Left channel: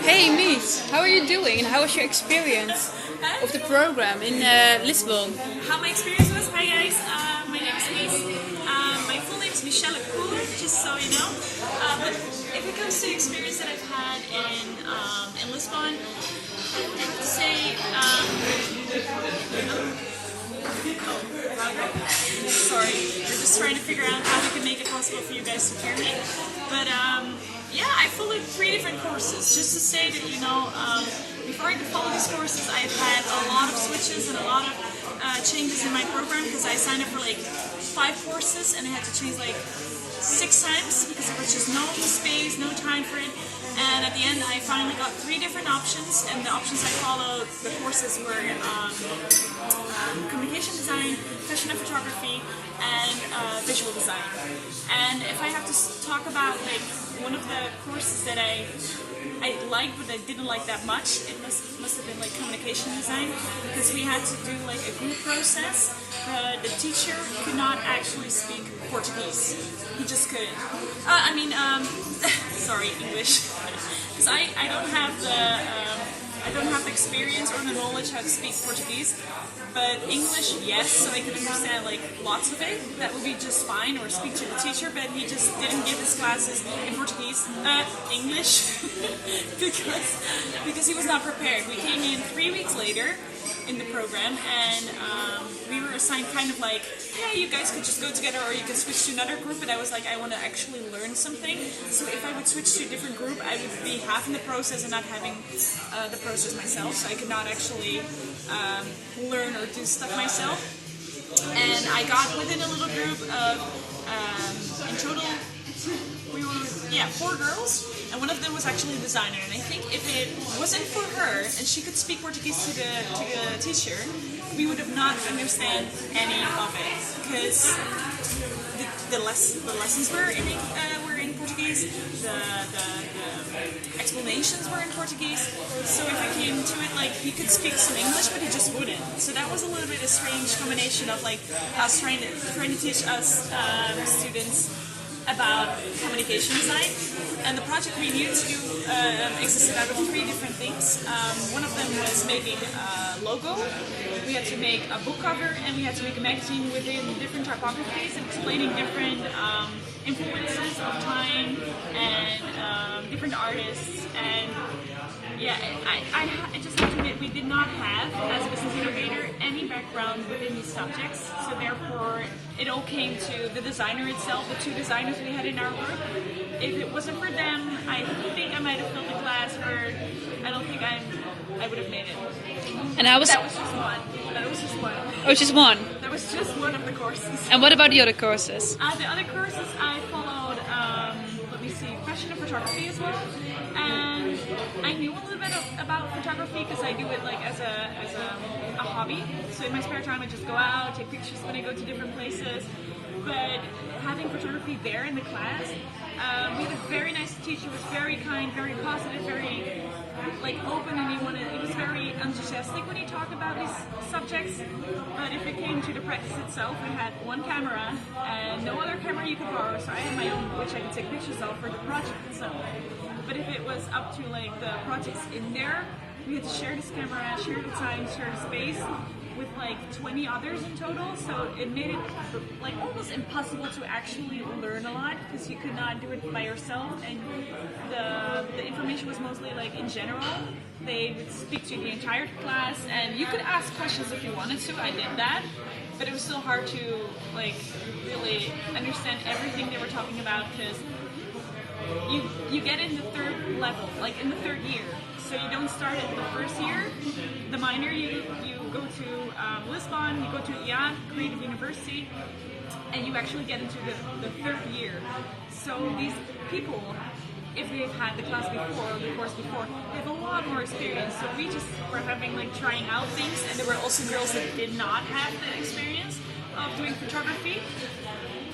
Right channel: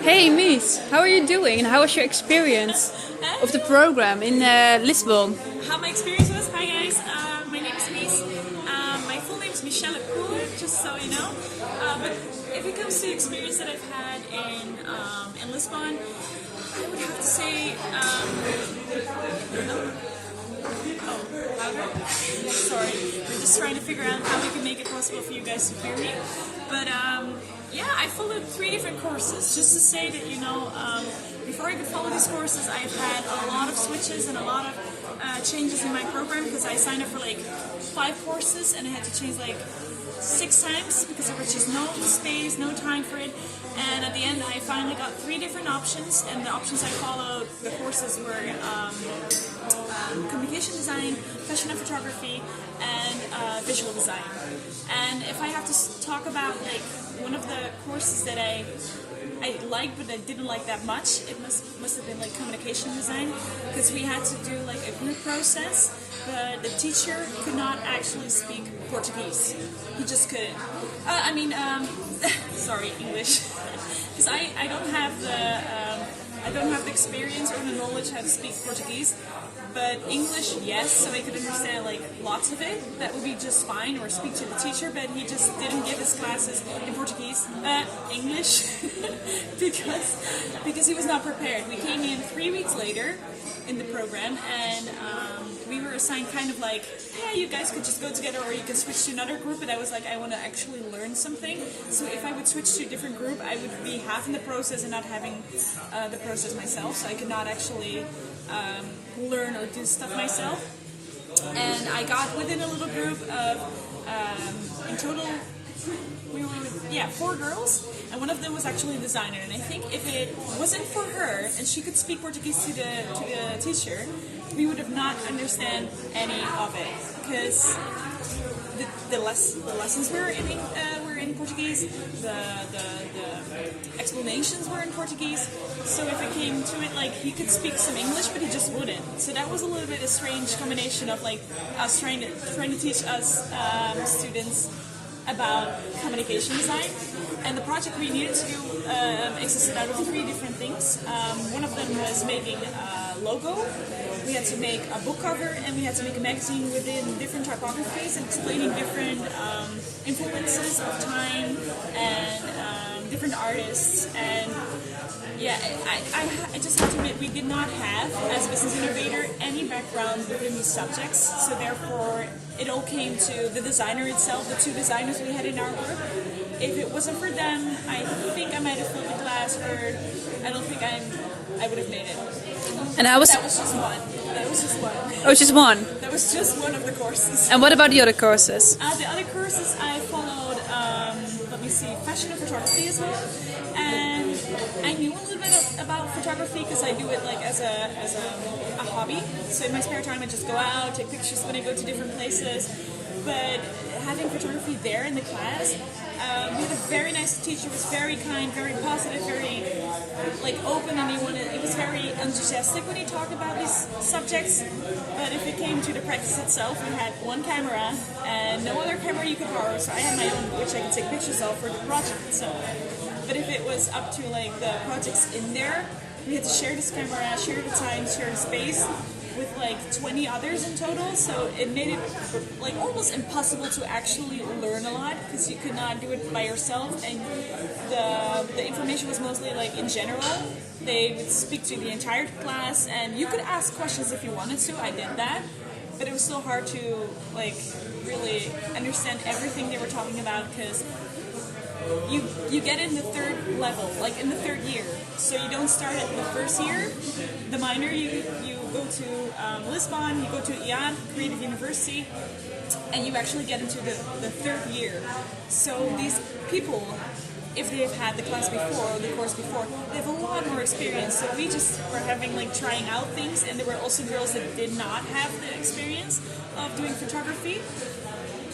Hey Mies, how are you doing and how was your experience of the program in Lisbon? How my experience was. Hi guys, my name is Mies. My full name is Koolen, just so you know. But if it comes to the experience that I've had in Lisbon, I would have to say, sorry, we're just trying to figure out how we can make it possible for you guys to hear me. But yeah, I followed 3 different courses. Just to say that, before I could follow these courses, I've had a lot of switches and a lot of changes in my program because I signed up for like 5 courses and I had to change like 6 times because there was just no space, no time for it. And at the end, I finally got 3 different options, and the options I followed, the courses were communication design, fashion and photography, and visual design. And if I have to talk about like one of the courses that I liked but I didn't like that much, it must have been like communication design, because we had to do like a group process. The teacher could not actually speak Portuguese. He just couldn't. Sorry, English, because I don't have the experience or the knowledge how to speak Portuguese. But English, yes, so I could understand like lots of it. That would be just fine, or speak to the teacher. But he just didn't give his classes in Portuguese, English, because he was not prepared. We came in 3 weeks later in the program, and we were assigned kind of like, yeah, you guys could just go together, or you can switch to another group. But I was like, I want to actually learn something. So if I would switch to a different group, I would be half in the process and not having the process myself. So I could not actually learn or do stuff myself. And I got within a little group of, in total, we were 4 girls, and one of them was actually a designer. And I think if it wasn't for her and she could speak Portuguese to the teacher, we would have not understand any of it, because the lessons were in Portuguese, the explanations were in Portuguese. So if it came to it, like, he could speak some English, but he just wouldn't. So that was a little bit a strange combination of like us trying to teach us students about communication design. And the project we needed to do existed out of 3 different things. One of them was making a logo. We had to make a book cover, and we had to make a magazine within different typographies, explaining different influences of time and different artists. And yeah, I just have to admit, we did not have, as a business innovator, any background within these subjects. So therefore, it all came to the designer itself, the 2 designers we had in our group. If it wasn't for them, I think I might have filled the class, or I don't think I would have made it. And that was just one. Oh, just one. That was just one of the courses. And what about the other courses? The other courses I followed, fashion and photography as well. And I knew a little bit about photography because I do it like as a hobby. So in my spare time, I just go out, take pictures when I go to different places. But having photography there in the class, we had a very nice teacher. Was very kind, very positive, very like open, and he was very enthusiastic when he talked about these subjects. But if it came to the practice itself, we had 1 camera and no other camera you could borrow. So I had my own, which I could take pictures of for the project. So, but if it was up to like the projects in there, we had to share this camera, share the time, share the space with like 20 others in total, so it made it like almost impossible to actually learn a lot, because you could not do it by yourself, and the information was mostly like in general. They would speak to the entire class, and you could ask questions if you wanted to. I did that, but it was still hard to like really understand everything they were talking about, because you get in the 3rd level, like in the 3rd year. So you don't start at the 1st year, the minor. You go to Lisbon, you go to IAD, Creative University, and you actually get into the 3rd year. So these people, if they have had the class before, or the course before, they have a lot more experience. So we just were having like trying out things, and there were also girls that did not have the experience of doing photography.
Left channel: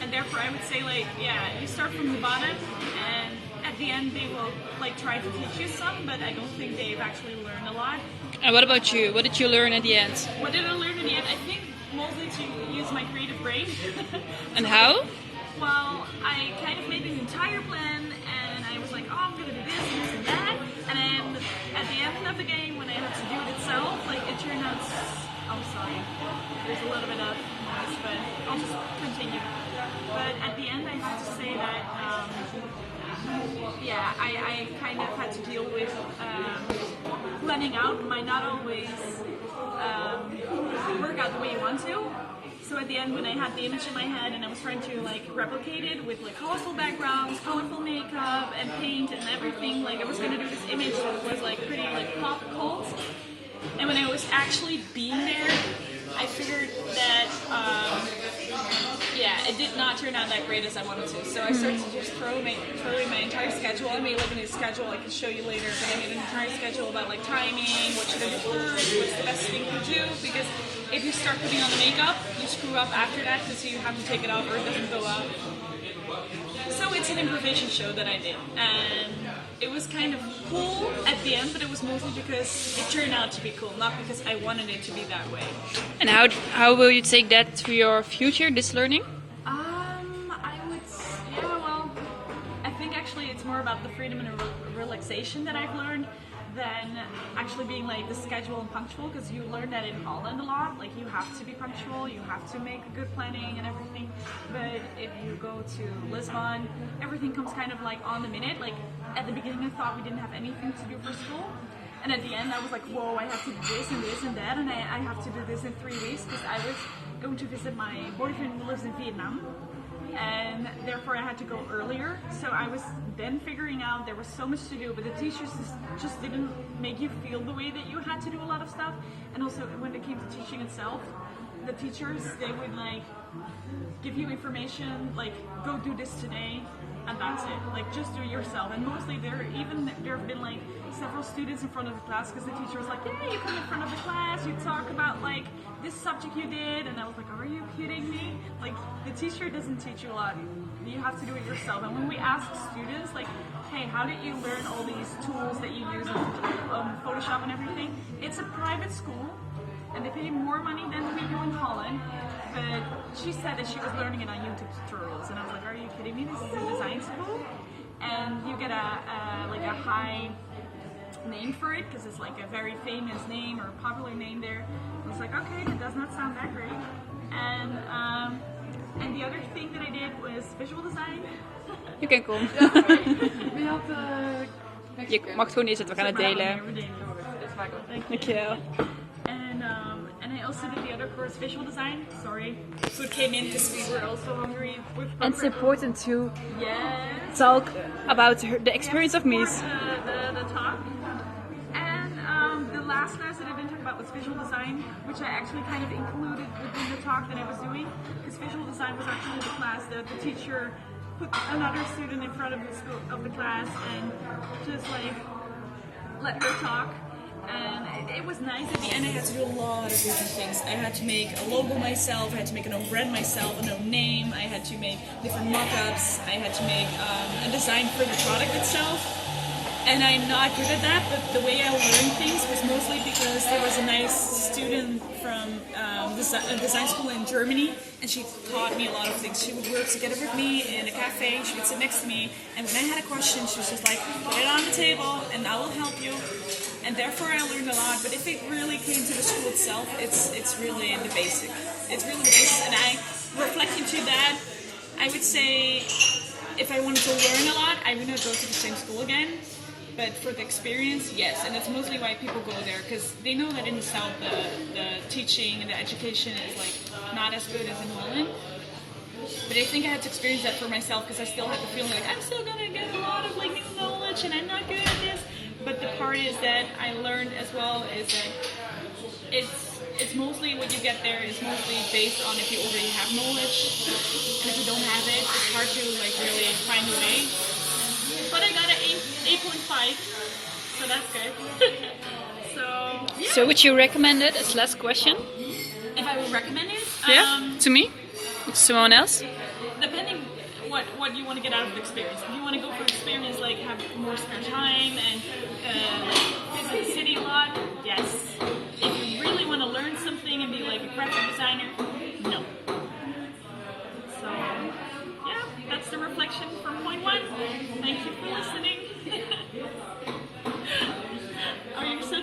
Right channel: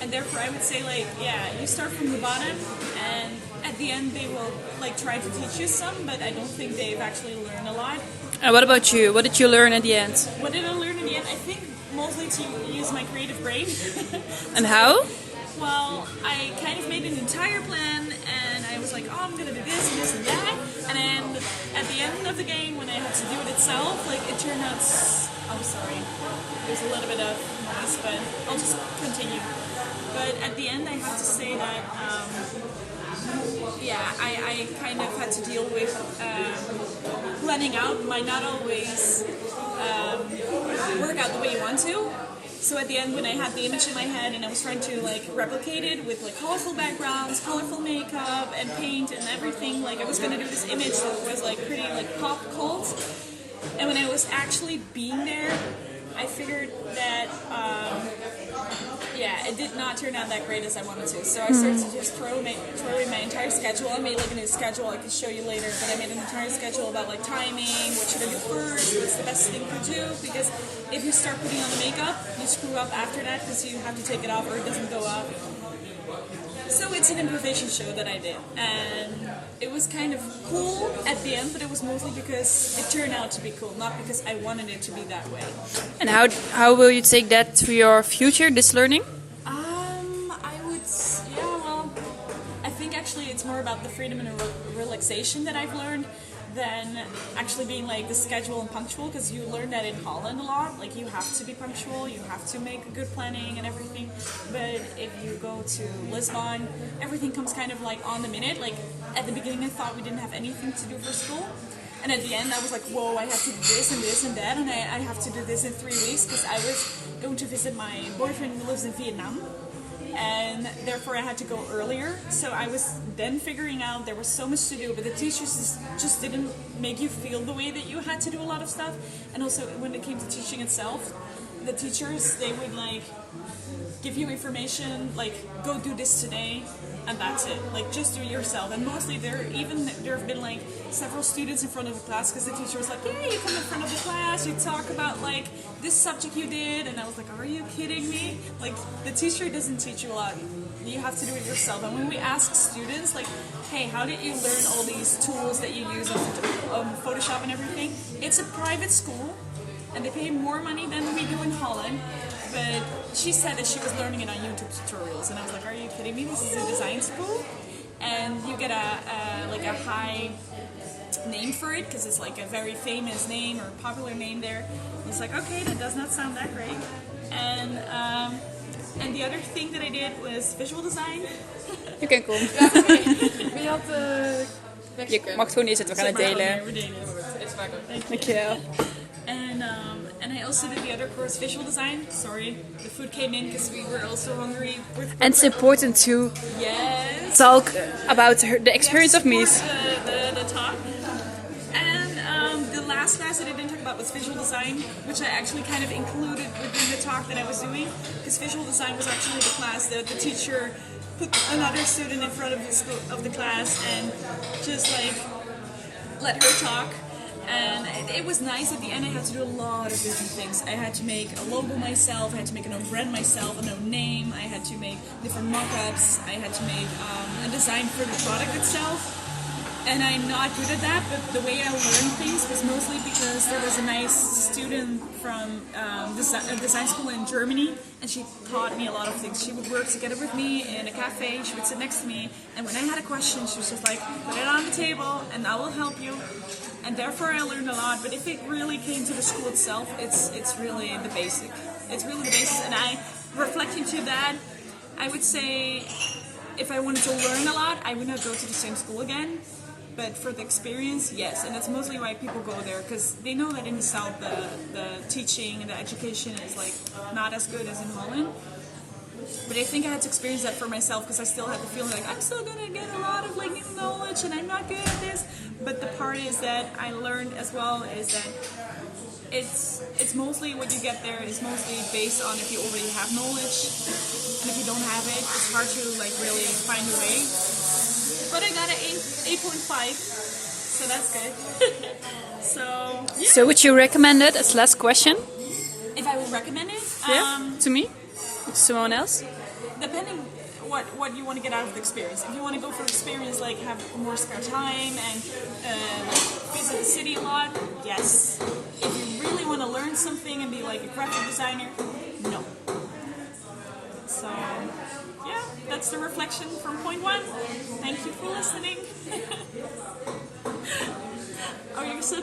And therefore I would say like, yeah, you start from the bottom, and at the end they will like try to teach you some, but I don't think they've actually learned a lot. And what about you? What did you learn at the end? What did I learn in the end? I think mostly to use my creative brain. And how? Well, I kind of made an entire plan, and I was like, oh, I'm going to do this and this and that. And then the itself, like it turned out. Oh, sorry. There's a little bit of noise, but I'll just continue. But at the end, I have to say that, I kind of had to deal with planning out might not always work out the way you want to. So at the end, when I had the image in my head and I was trying to like replicate it with like colorful backgrounds, colorful makeup, and paint and everything, like I was gonna do this image that was like pretty like pop cult. And when I was actually being there, I figured that it did not turn out that great as I wanted to. So I started to just throw away my entire schedule. I made like a new schedule I can show you later, but I made an entire schedule about like timing, what should I do first, what's the best thing to do, because if you start putting on the makeup, you screw up after that because you have to take it off or it doesn't go up. So it's an improvisation show that I did, and it was kind of cool at the end, but it was mostly because it turned out to be cool, not because I wanted it to be that way. And how will you take that to your future, this learning? I think actually it's more about the freedom and relaxation that I've learned than actually being like the schedule and punctual, because you learn that in Holland a lot. Like you have to be punctual, you have to make good planning and everything. But if you go to Lisbon, everything comes kind of like on the minute. Like at the beginning I thought we didn't have anything to do for school. And at the end I was like, whoa, I have to do this and this and that, and I have to do this in 3 weeks because I was going to visit my boyfriend who lives in Vietnam. And therefore I had to go earlier. So I was then figuring out there was so much to do, but the teachers just didn't make you feel the way that you had to do a lot of stuff. And also when it came to teaching itself, the teachers, they would like give you information, like go do this today, and that's it. Like just do it yourself. And mostly there have been like several students in front of the class because the teacher was like, yeah, you come in front of the class, you talk about like this subject you did, and I was like, are you kidding me? Like the teacher doesn't teach you a lot. You have to do it yourself. And when we ask students like, hey, how did you learn all these tools that you use on Photoshop and everything? It's a private school and they pay more money than we do in Holland. But she said that she was learning it on YouTube tutorials, and I was like, are you kidding me? This is a design school, and you get a high name for it because it's like a very famous name or popular name there. I was like, okay, that does not sound that great. And the other thing that I did was visual design. Je kan komen. Je mag gewoon niet zitten, we gaan het delen. Dankjewel. And I also did the other course, visual design. Sorry, the food came in because we were also hungry. And it's important to talk about the experience of Mies. The talk. And the last class that I didn't talk about was visual design, which I actually kind of included within the talk that I was doing. Because visual design was actually the class that the teacher put another student in front of the class and just like let her talk. And it was nice. At the end I had to do a lot of different things. I had to make a logo myself, I had to make an own brand myself, an own name, I had to make different mock-ups, I had to make a design for the product itself. And I'm not good at that, but the way I learned things was mostly because there was a nice student from design school in Germany, and she taught me a lot of things. She would work together with me in a cafe, she would sit next to me, and when I had a question, she was just like, put it on the table, and I will help you. And therefore I learned a lot, but if it really came to the school itself, it's really the basic. It's really the basics, and I, reflecting to that, I would say if I wanted to learn a lot, I would not go to the same school again. But for the experience, yes, and that's mostly why people go there, because they know that in the South the teaching and the education is like not as good as in Holland. But I think I had to experience that for myself, because I still had the feeling like I'm still gonna get a lot of like new knowledge and I'm not good at this. But the part is that I learned as well is that it's mostly what you get there is mostly based on if you already have knowledge, and if you don't have it, it's hard to like really find a way. But I got an 8.5, so that's good. So would you recommend it as last question? If I would recommend it? To me? To someone else? Depending what you want to get out of the experience. If you want to go for experience, like have more spare time and like visit the city a lot, yes. If you really want to learn something and be like a graphic designer, no. So yeah, that's the reflection from point one. Thank you for listening.